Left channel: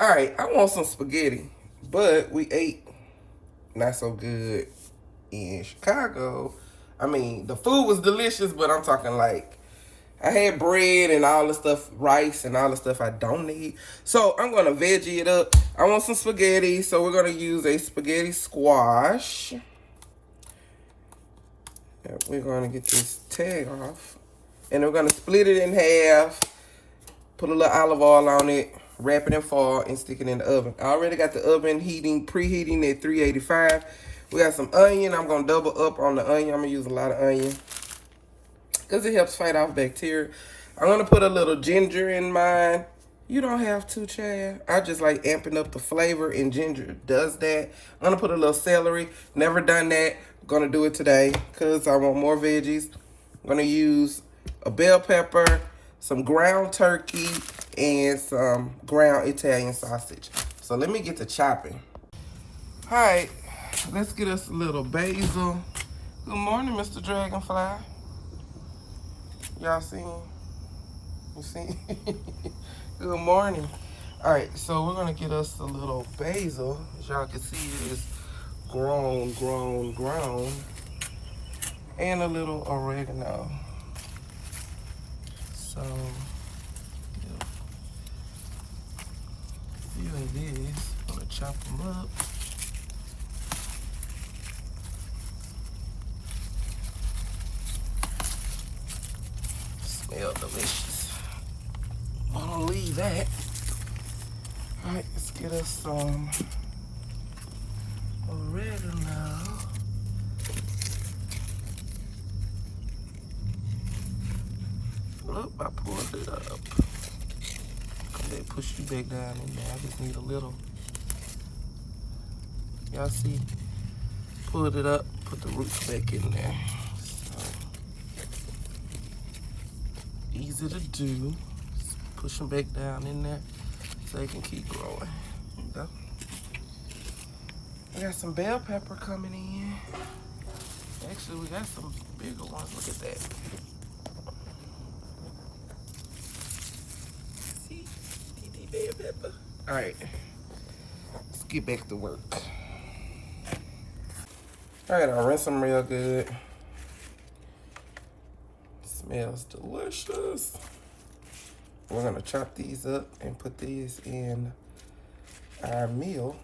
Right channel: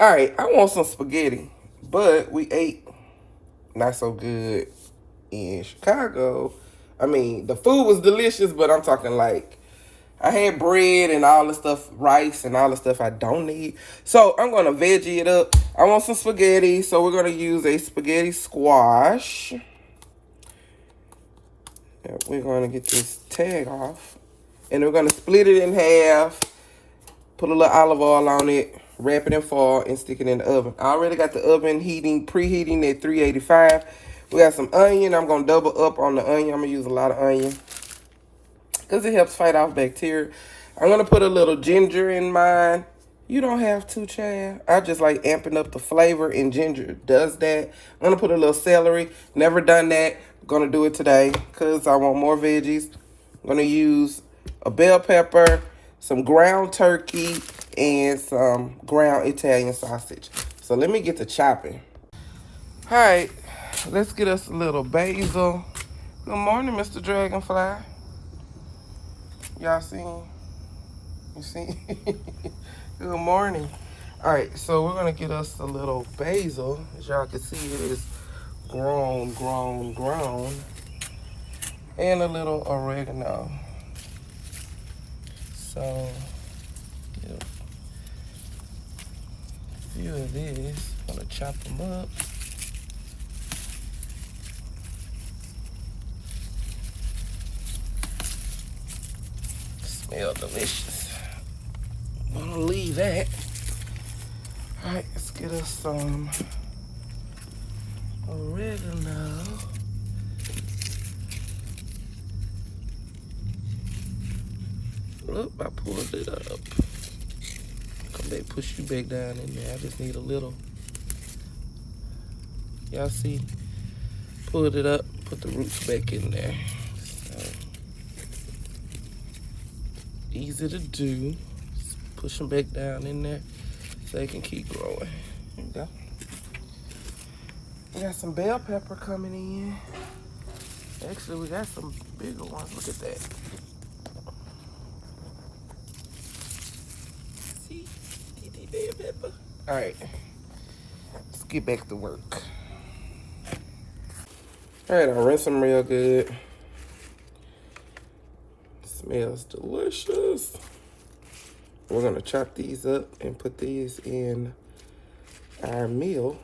All right, I want some spaghetti, but we ate not so good in Chicago. I mean, the food was delicious, but I'm talking like I had bread and all the stuff, rice and all the stuff I don't need. So I'm gonna veggie it up. I want some spaghetti, so we're gonna use a spaghetti squash. We're gonna get this tag off, and we're gonna split it in half. Put a little olive oil on it, wrap it in foil, and stick it in the oven. I already got the oven preheating at 385. We got some onion. I'm gonna double up on the onion. I'm gonna use a lot of onion because it helps fight off bacteria. I'm gonna put a little ginger in mine. You don't have to, Chad. I just like amping up the flavor, and ginger does that. I'm gonna put a little celery. Never done that. I'm gonna do it today because I want more veggies. I'm gonna use a bell pepper, some ground turkey, and some ground Italian sausage. So let me get to chopping. All right, let's get us a little basil. Good morning, Mr. Dragonfly. Y'all see him? You see? Good morning. All right, so we're gonna get us a little basil. As y'all can see, it is grown. And a little oregano. So, yeah. Few of these. I'm gonna chop them up. Smell delicious. I'm gonna leave that. All right, let's get us some oregano. Oop, I pulled it up. They push you back down in there. I just need a little. Y'all see? Pulled it up, put the roots back in there. So, easy to do. Just push them back down in there so they can keep growing. There we go. We got some bell pepper coming in. Actually, we got some bigger ones. Look at that. See? Bell pepper. All right. Let's get back to work. All right, I'll rinse them real good. Smells delicious. We're gonna chop these up and put these in our meal.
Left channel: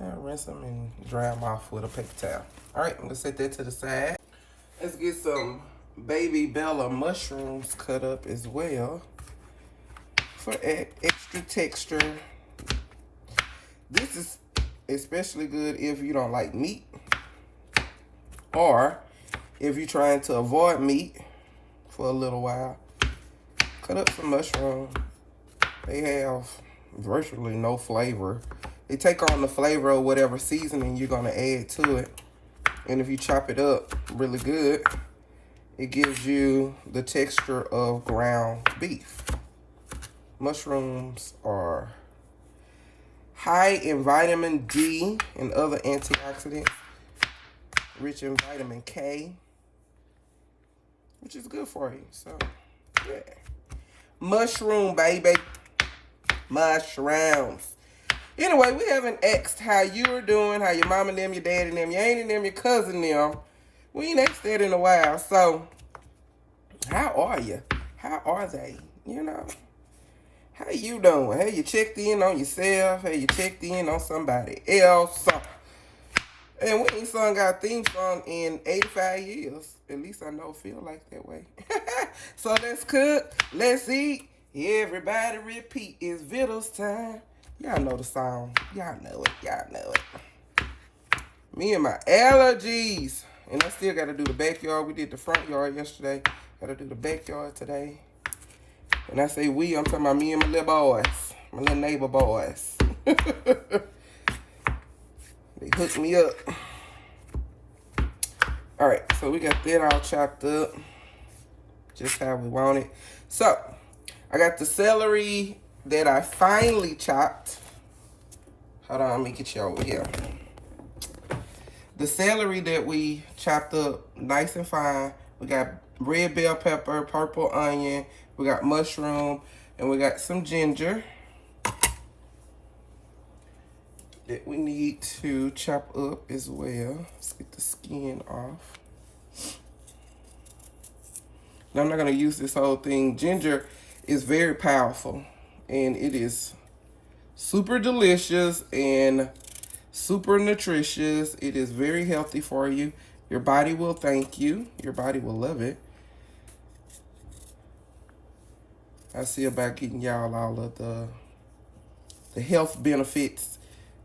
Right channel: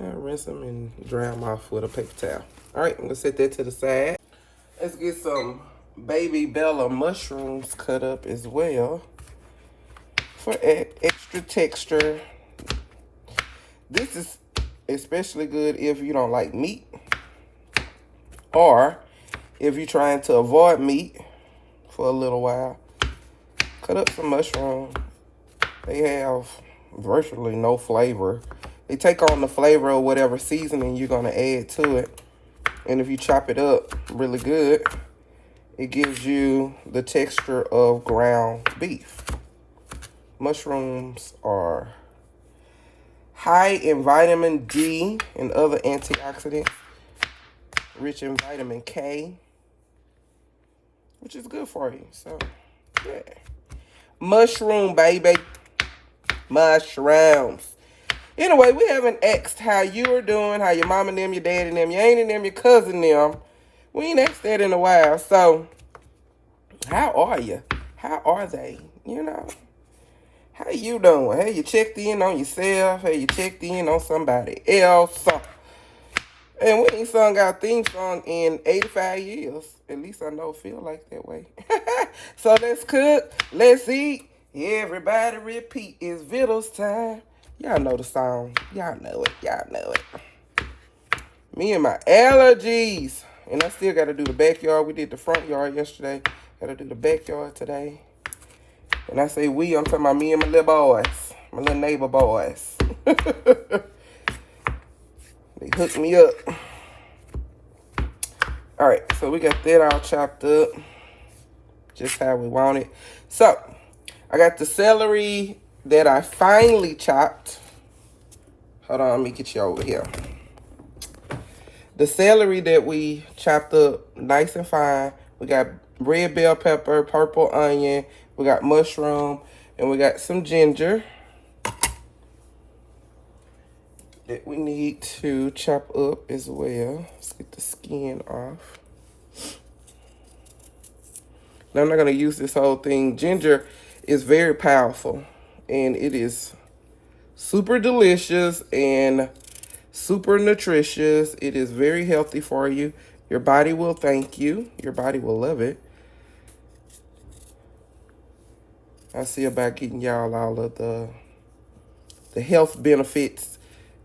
I'll rinse them and dry them off with a paper towel. All right, I'm gonna set that to the side. Let's get some baby Bella mushrooms cut up as well for extra texture. This is especially good if you don't like meat, or if you're trying to avoid meat for a little while. Cut up some mushrooms. They have virtually no flavor. They take on the flavor of whatever seasoning you're gonna add to it. And if you chop it up really good, it gives you the texture of ground beef. Mushrooms are high in vitamin D and other antioxidants, rich in vitamin K, which is good for you. So, yeah. Mushroom, baby. Mushrooms. Anyway, we haven't asked how you are doing, how your mom and them, your dad and them, your aunt and them, your cousin and them. We ain't asked that in a while. So, how are you? How are they? You know? How you doing? Have you checked in on yourself? Have you checked in on somebody else? And we ain't sung our theme song in 85 years. At least I know it feel like that way. So let's cook. Let's eat. Everybody repeat. It's Vittles time. Y'all know the song. Y'all know it. Y'all know it. Me and my allergies. And I still got to do the backyard. We did the front yard yesterday. Got to do the backyard today. And I say we, I'm talking about me and my little boys. My little neighbor boys. They hooked me up. All right, so we got that all chopped up. Just how we want it. So, I got the celery that I finely chopped. Hold on, let me get you over here. The celery that we chopped up nice and fine. We got red bell pepper, purple onion, We got mushroom, and we got some ginger that we need to chop up as well. Let's get the skin off. Now I'm not gonna use this whole thing. Ginger is very powerful, and it is super delicious and super nutritious. It is very healthy for you. Your body will thank you. Your body will love it. I'll see about getting y'all all of the health benefits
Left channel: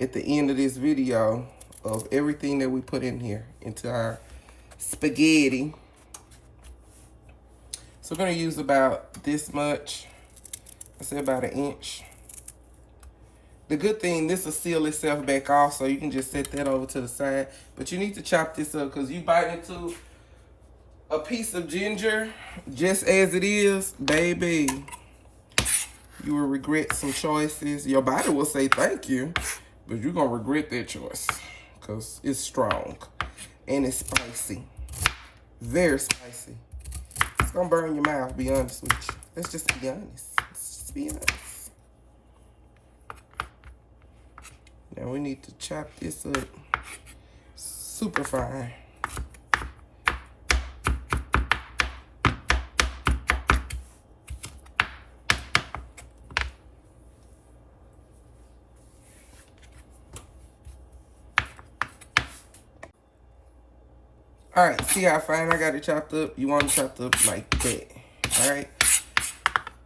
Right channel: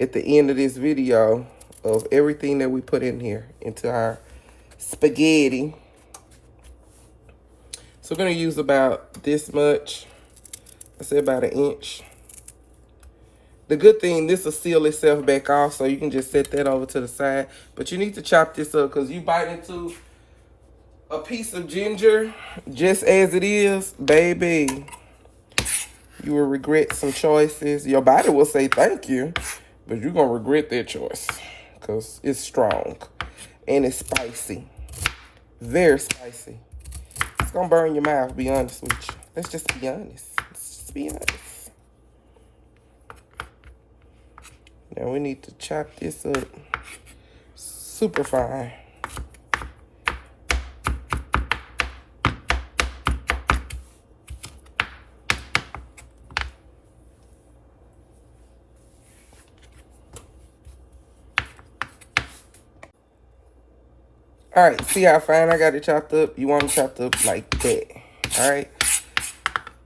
at the end of this video of everything that we put in here into our spaghetti. So we're gonna use about this much. I say about 1 inch. The good thing, this will seal itself back off, so you can just set that over to the side. But you need to chop this up, because you bite into a piece of ginger just as it is, baby, you will regret some choices. Your body will say thank you, but you're going to regret that choice, because it's strong and it's spicy. Very spicy. It's going to burn your mouth, be honest with you. Let's just be honest. Let's just be honest. Now we need to chop this up super fine. All right, see how fine I got it chopped up? You want it chopped up like that, all right?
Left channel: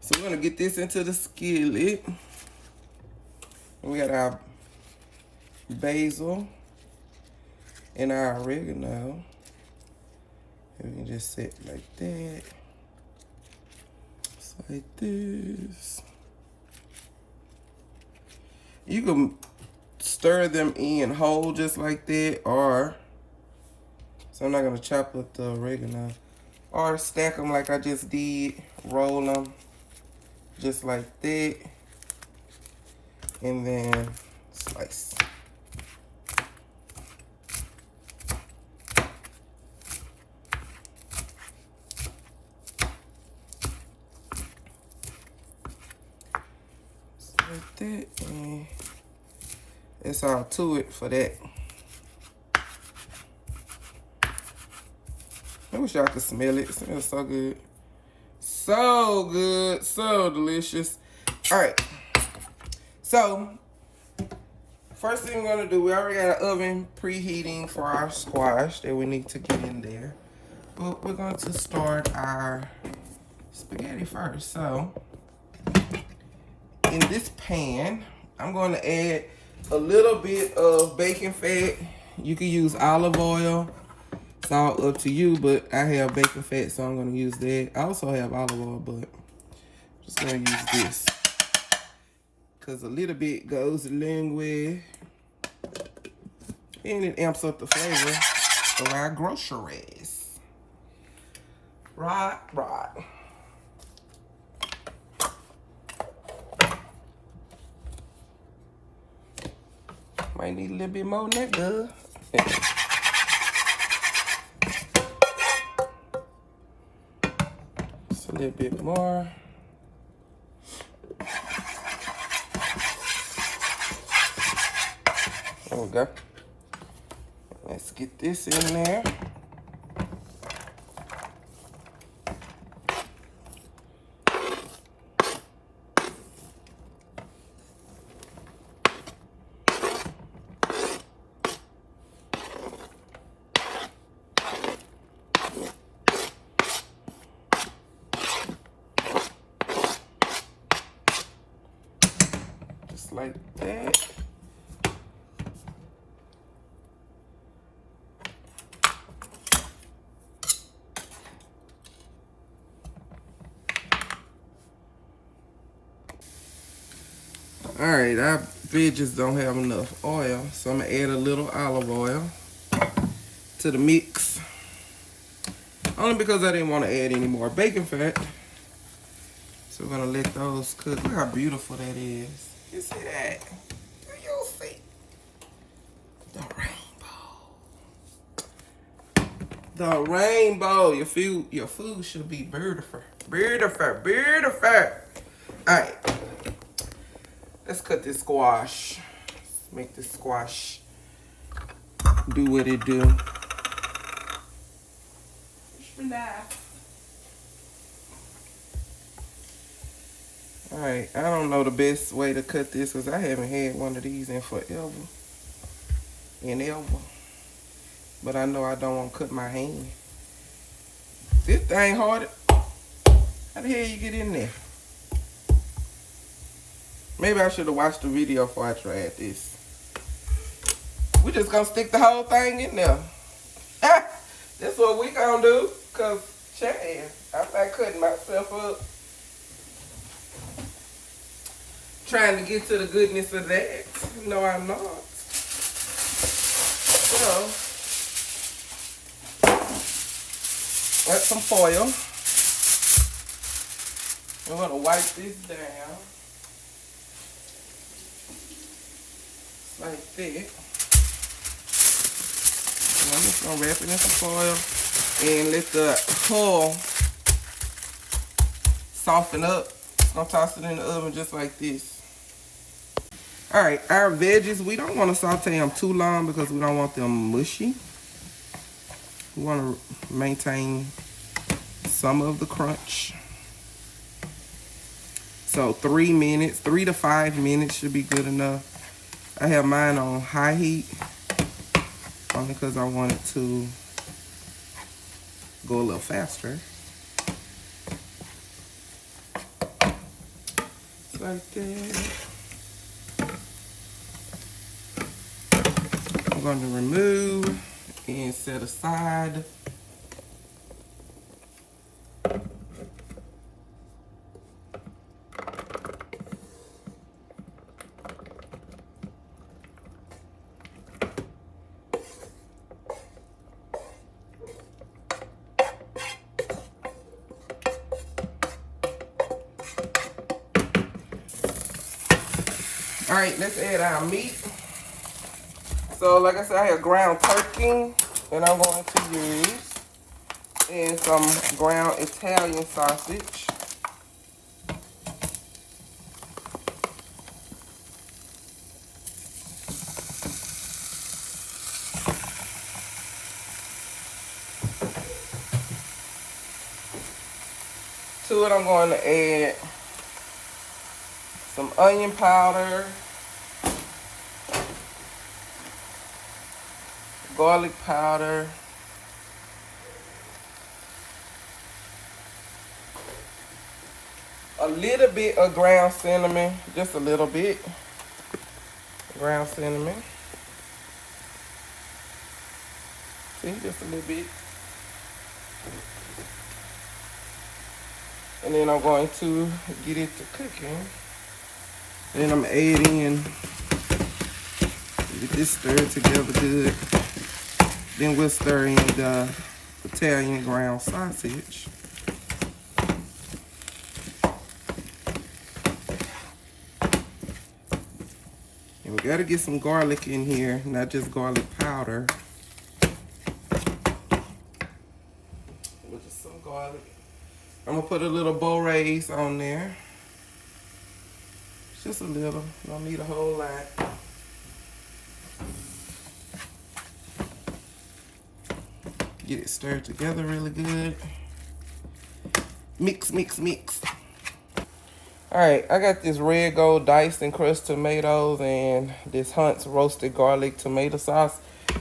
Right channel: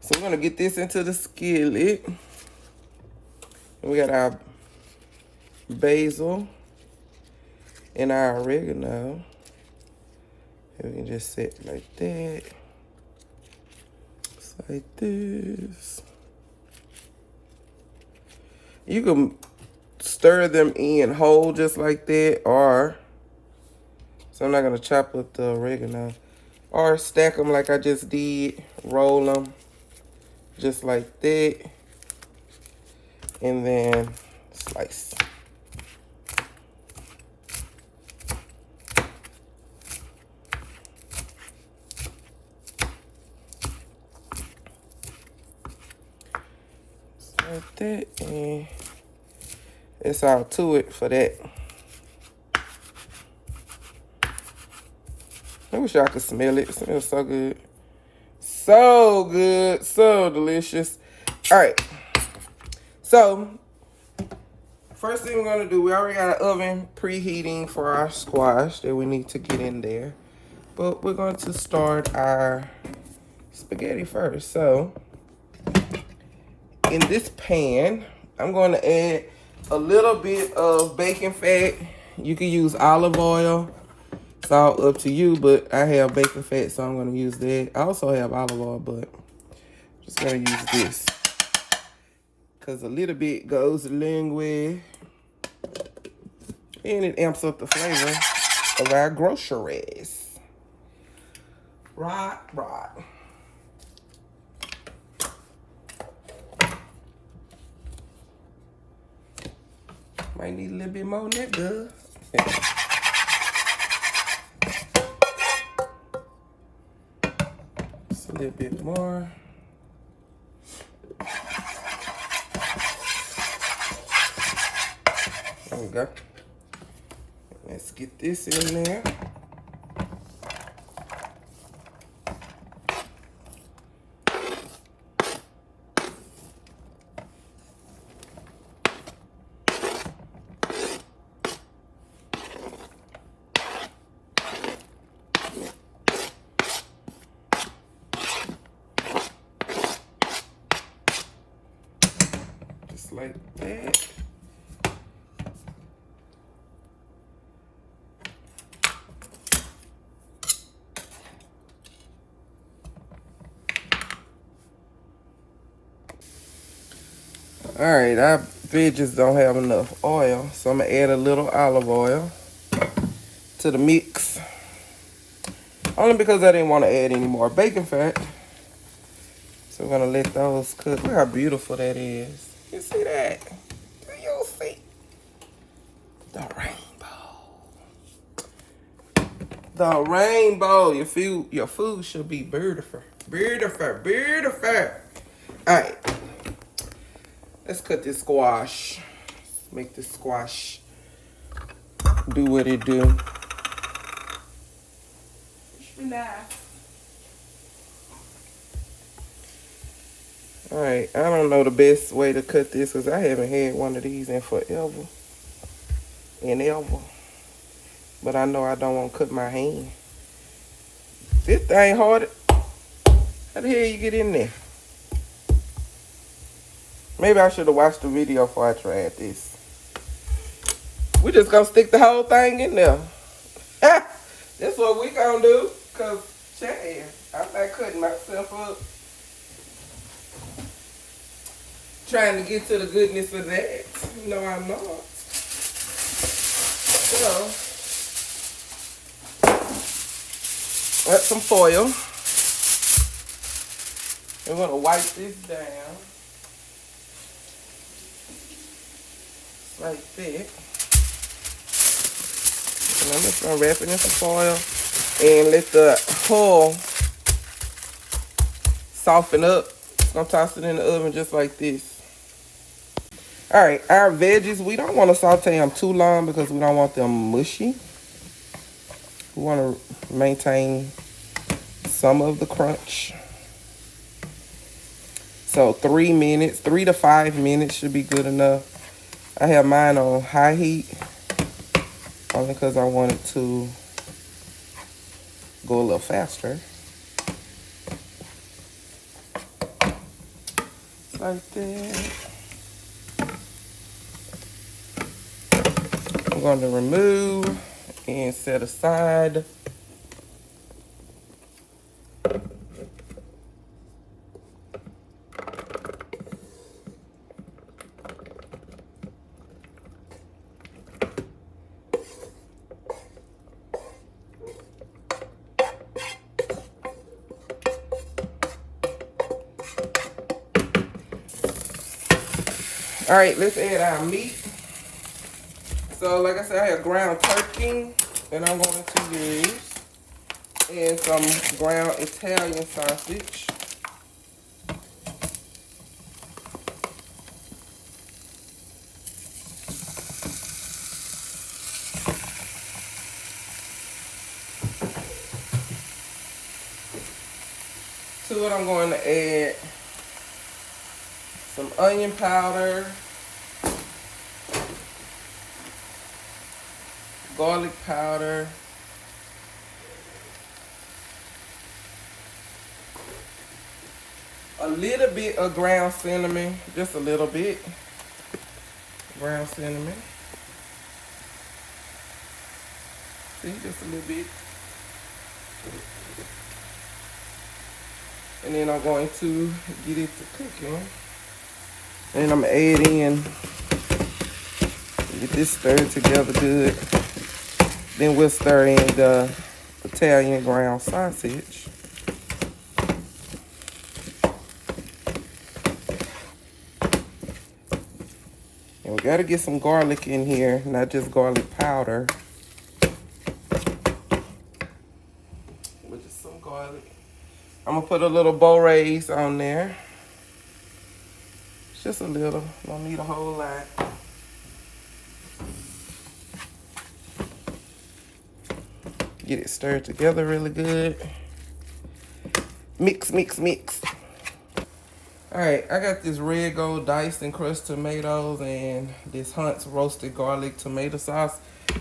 So we're gonna get this into the skillet. And we got our basil and our oregano. And we can just set like that. Just like this. You can stir them in whole just like that, or, so I'm not gonna chop up the oregano, or stack them like I just did, roll them just like that, and then slice. Like that, and that's all to it for that. I wish y'all could smell it. It smells so good. So good, so delicious. All right, so first thing we're gonna do, we already got an oven preheating for our squash that we need to get in there, but we're going to start our spaghetti first. So in this pan, I'm going to add a little bit of bacon fat. You can use olive oil. It's all up to you, but I have bacon fat, so I'm going to use that. I also have olive oil, but I'm just going to use this, because a little bit goes a long way, and it amps up the flavor of our groceries. Right. Might need a little bit more than that, girl. Just a little bit more. There we go. Let's get this in there. Like that. All right, our veggies don't have enough oil, so I'm gonna add a little olive oil to the mix. Only because I didn't want to add any more bacon fat. So we're gonna let those cook. Look how beautiful that is. You see that? Do you see? The rainbow. The rainbow. Your food should be beautiful. Beautiful. Beautiful. Alright. Let's cut this squash. Make this squash do what it do. Alright, I don't know the best way to cut this because I haven't had one of these in forever and ever. But I know I don't want to cut my hand. This thing hard. How the hell you get in there? Maybe I should have watched the video before I tried this. We just gonna stick the whole thing in there. That's what we gonna do. Cause, Chad, I'm not cutting myself up. Trying to get to the goodness of that. No, I'm not. So, got some foil. I'm gonna wipe this down. Like that. And I'm just gonna wrap it in some foil and let the hull soften up. I'm gonna toss it in the oven just like this. All right, our veggies, we don't want to saute them too long because we don't want them mushy. We want to maintain some of the crunch. So 3 minutes, 3 to 5 minutes should be good enough. I have mine on high heat only because I want it to go a little faster. Like that. I'm going to remove and set aside. All right, let's add our meat. So, like I said, I have ground turkey that I'm going to use, and some ground Italian sausage. To it, I'm going to add some onion powder, garlic powder, a little bit of ground cinnamon, just a little bit, ground cinnamon. See, just a little bit. And then I'm going to get it to cooking. And I'm adding, get this stirred together good. Then we'll stir in the Italian ground sausage. And we gotta get some garlic in here, not just garlic powder. With just some garlic. I'm gonna put a little Raes on there. Just a little, don't need a whole lot. Get it stirred together really good. Mix, mix, mix. All right, I got this red gold diced and crushed tomatoes and this Hunt's roasted garlic tomato sauce.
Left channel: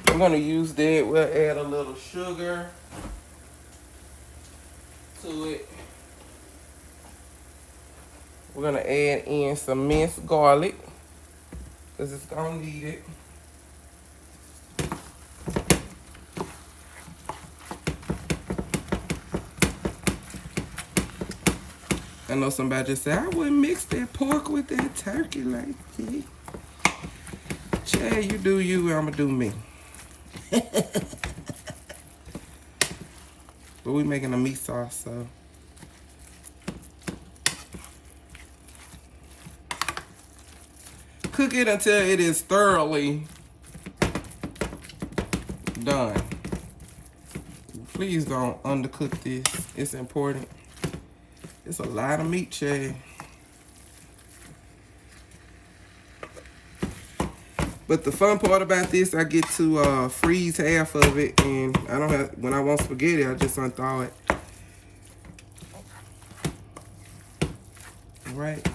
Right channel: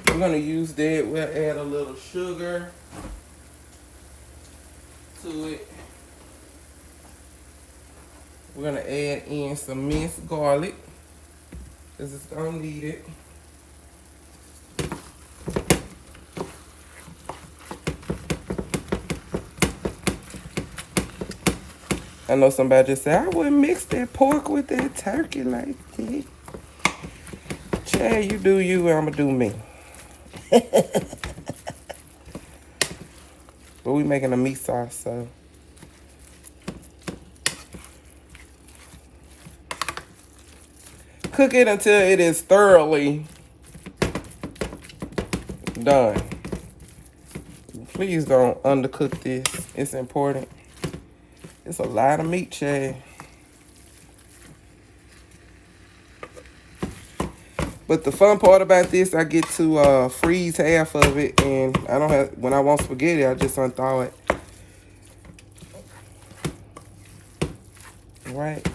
I'm gonna use that. We'll add a little sugar to it. We're gonna add in some minced garlic, because it's gonna need it. I know somebody just said, I wouldn't mix that pork with that turkey like that. Chad, you do you, I'ma do me. But we making a meat sauce, so. Cook it until it is thoroughly done. Please don't undercook this. It's important. It's a lot of meat, Chad. But the fun part about this, I get to freeze half of it, and I don't have, when I want spaghetti, I just unthaw it. Right.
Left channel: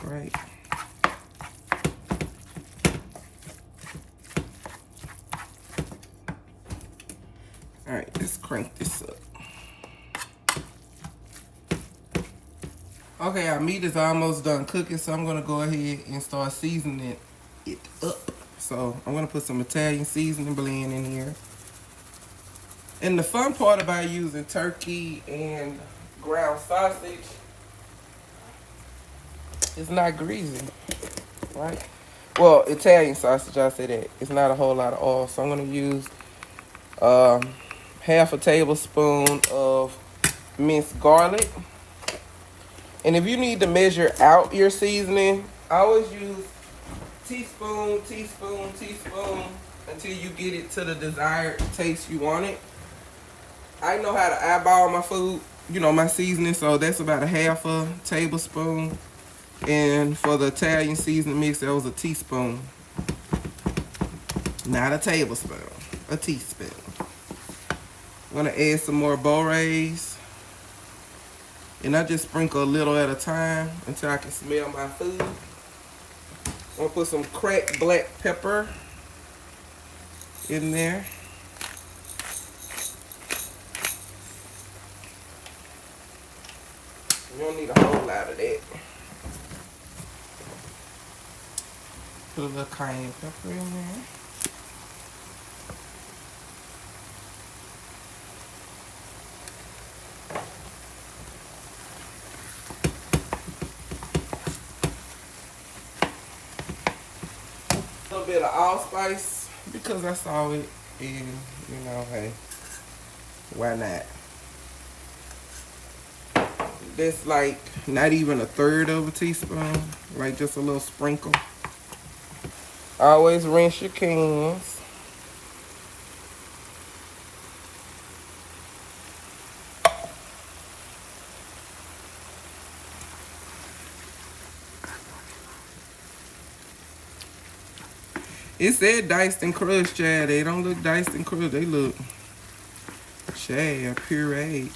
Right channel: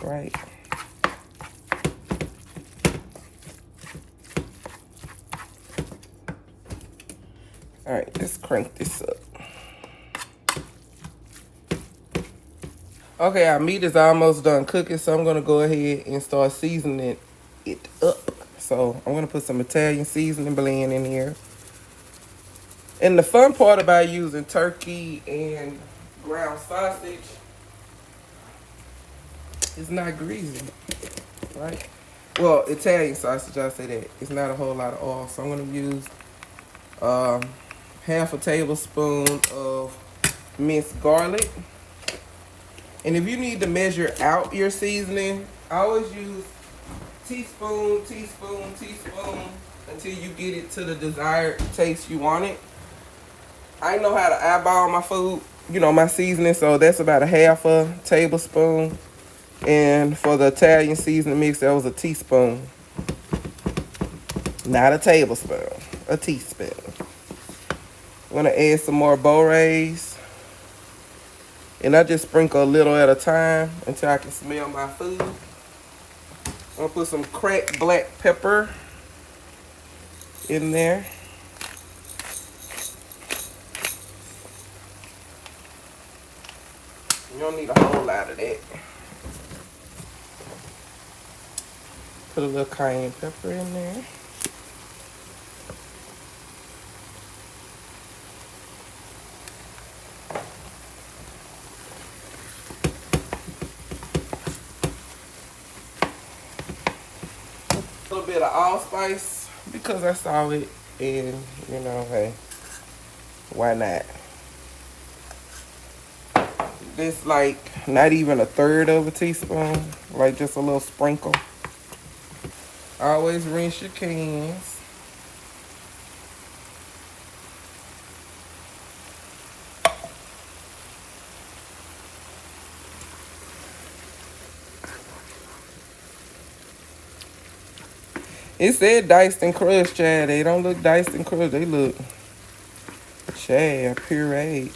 All right, let's crank this up. Okay, our meat is almost done cooking, so I'm gonna go ahead and start seasoning it up. So I'm gonna put some Italian seasoning blend in here. And the fun part about using turkey and ground sausage, it's not greasy, right? Well, Italian sausage, I say that. It's not a whole lot of oil, so I'm gonna use half a tablespoon of minced garlic. And if you need to measure out your seasoning, I always use teaspoon until you get it to the desired taste you want it. I know how to eyeball my food, you know, my seasoning, so that's about a half a tablespoon. And for the Italian seasoning mix, that was a teaspoon. Not a tablespoon, a teaspoon. I'm gonna add some more Raes. And I just sprinkle a little at a time until I can smell my food. I'm gonna put some cracked black pepper in there. You don't need a whole lot of that. Put a little cayenne pepper in there. A little bit of allspice because that's all it is, you know, hey, why not? This like not even a third of a teaspoon, like just a little sprinkle. Always rinse your cans. It said diced and crushed, Chad. They don't look diced and crushed. They look, Chad, pureed.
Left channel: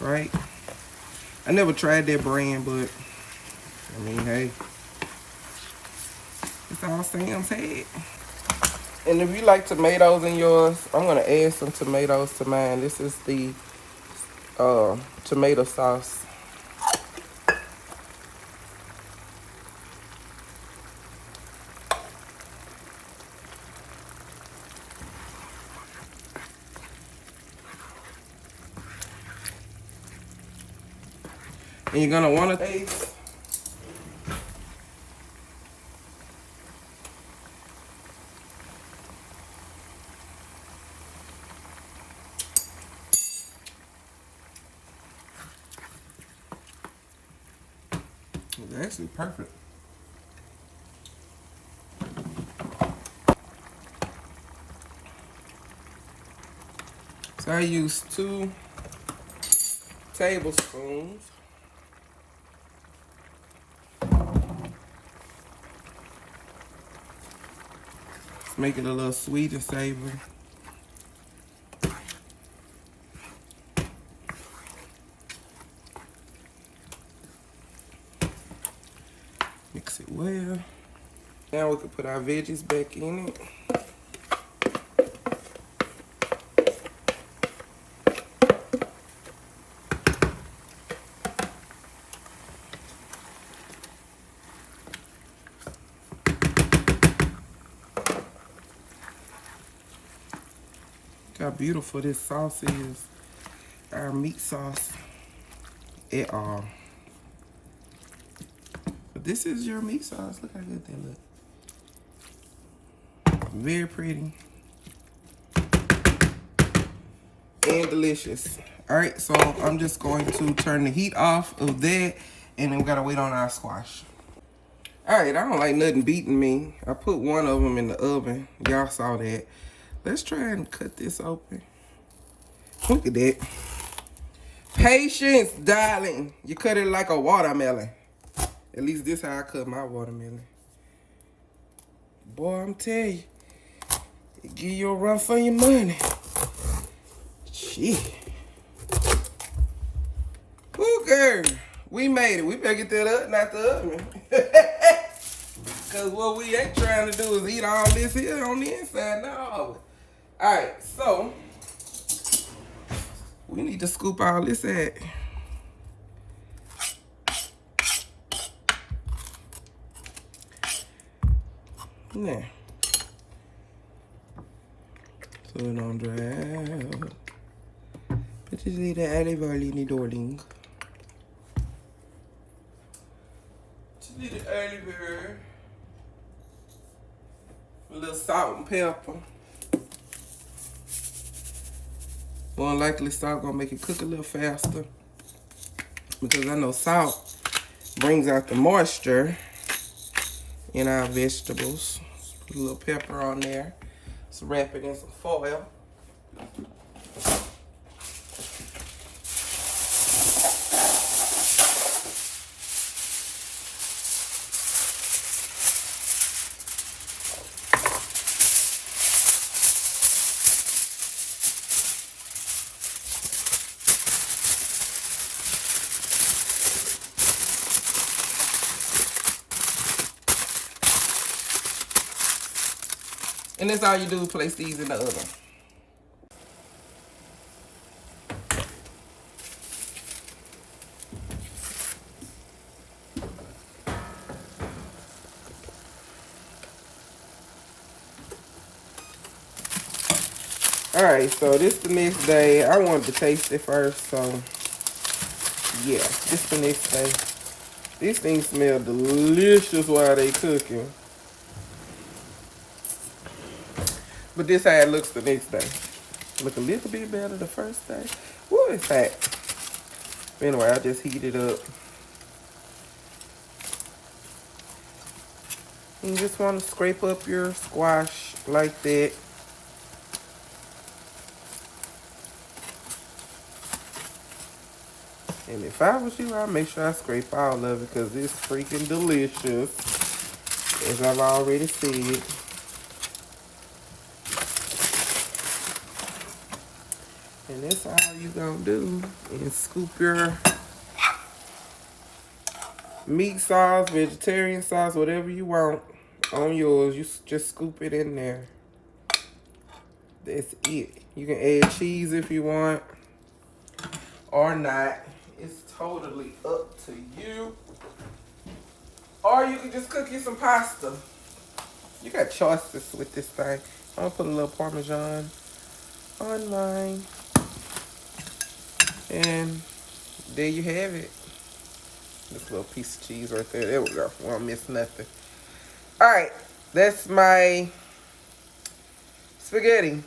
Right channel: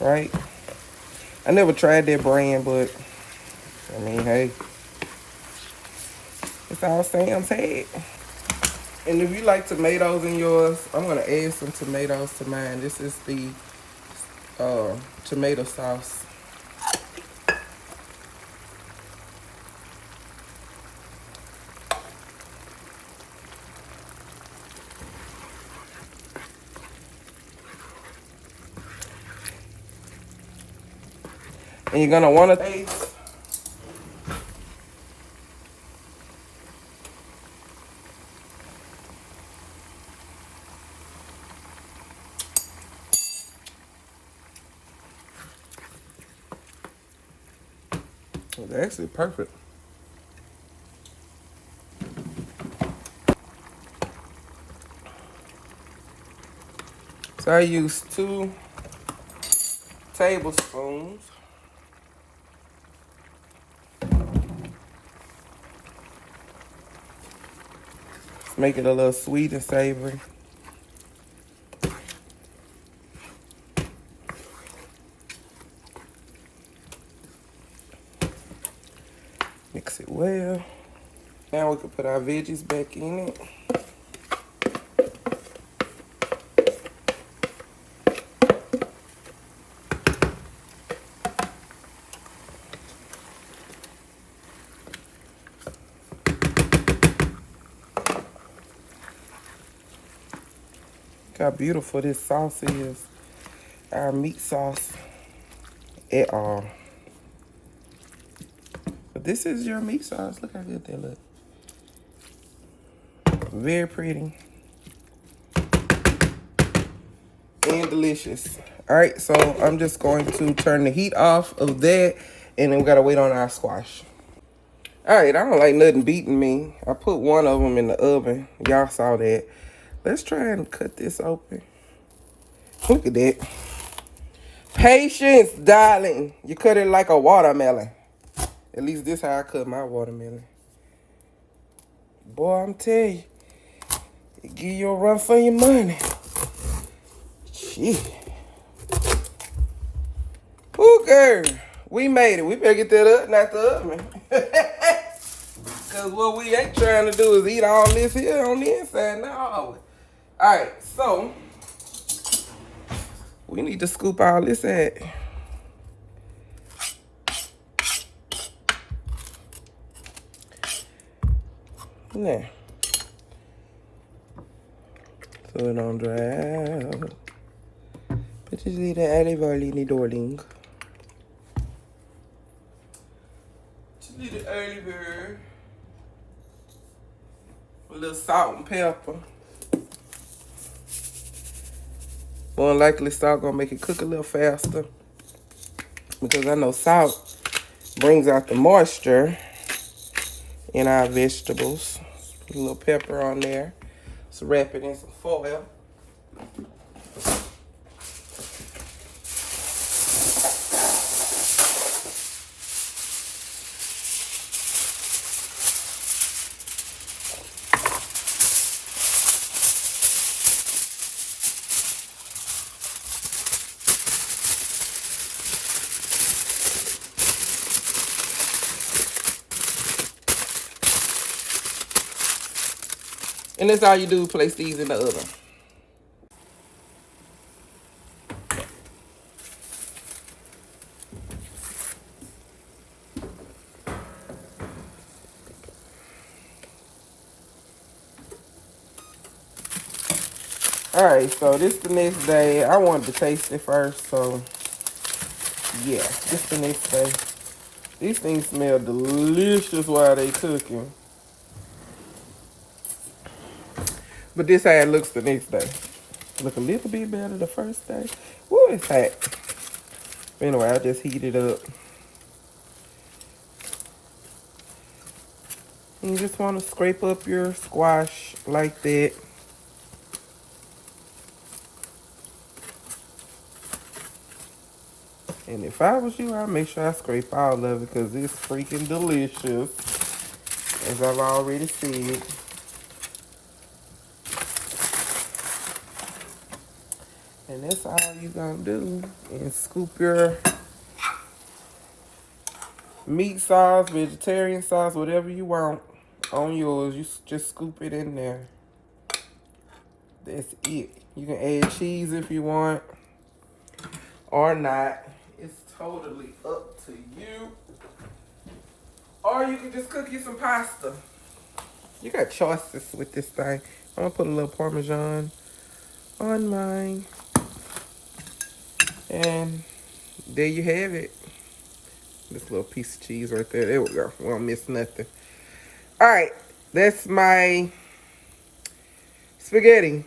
Right? I never tried that brand, but I mean, hey, it's all Sam's had. And if you like tomatoes in yours, I'm gonna add some tomatoes to mine. This is the tomato sauce. And you're gonna wanna taste. It's actually perfect. So I use 2 tablespoons. Make it a little sweet and savory. Mix it well. Now we can put our veggies back in it. Look how beautiful this sauce is. Our meat sauce at all. But this is your meat sauce. Look how good that look. Very pretty. And delicious. All right, so I'm just going to turn the heat off of that, and then we gotta wait on our squash. All right, I don't like nothing beating me. I put one of them in the oven. Y'all saw that. Let's try and cut this open. Look at that. Patience, darling. You cut it like a watermelon. At least this how I cut my watermelon. Boy, I'm telling you, it give you a run for your money. Shit. Ooh, girl. We made it. We better get that up, not the oven. Because what we ain't trying to do is eat all this here on the inside. No. Alright, so we need to scoop all this out. Now. So it don't dry out. But just leave the olive oil in the darling. Just leave the olive oil. A little salt and pepper. More likely salt gonna make it cook a little faster. Because I know salt brings out the moisture in our vegetables. Put a little pepper on there. Let's wrap it in some foil. And that's all you do, place these in the oven. Alright, so this the next day. I wanted to taste it first, so yeah, this the next day. These things smell delicious while they cooking. But this how it looks the next day. Look a little bit better the first day. Woo, it's hot. Anyway, I just heat it up. You just want to scrape up your squash like that. And if I was you, I'd make sure I scrape all of it because it's freaking delicious. As I've already said. And that's all you're gonna do is scoop your meat sauce, vegetarian sauce, whatever you want on yours. You just scoop it in there. That's it. You can add cheese if you want or not. It's totally up to you. Or you can just cook you some pasta. You got choices with this thing. I'm gonna put a little Parmesan on mine. And there you have it. This little piece of cheese right there. There we go. We don't miss nothing. Alright, that's my spaghetti.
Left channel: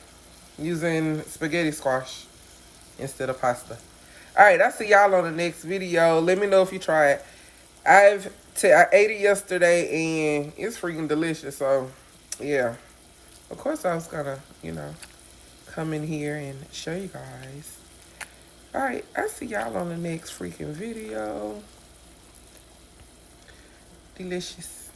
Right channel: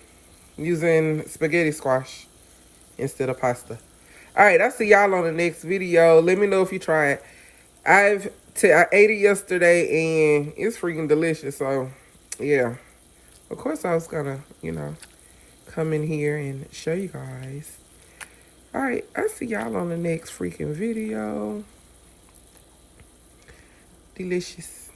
Using spaghetti squash instead of pasta. Alright, I'll see y'all on the next video. Let me know if you try it. I ate it yesterday and it's freaking delicious. So, yeah. Of course I was gonna, come in here and show you guys. Alright, I'll see y'all on the next freaking video. Delicious.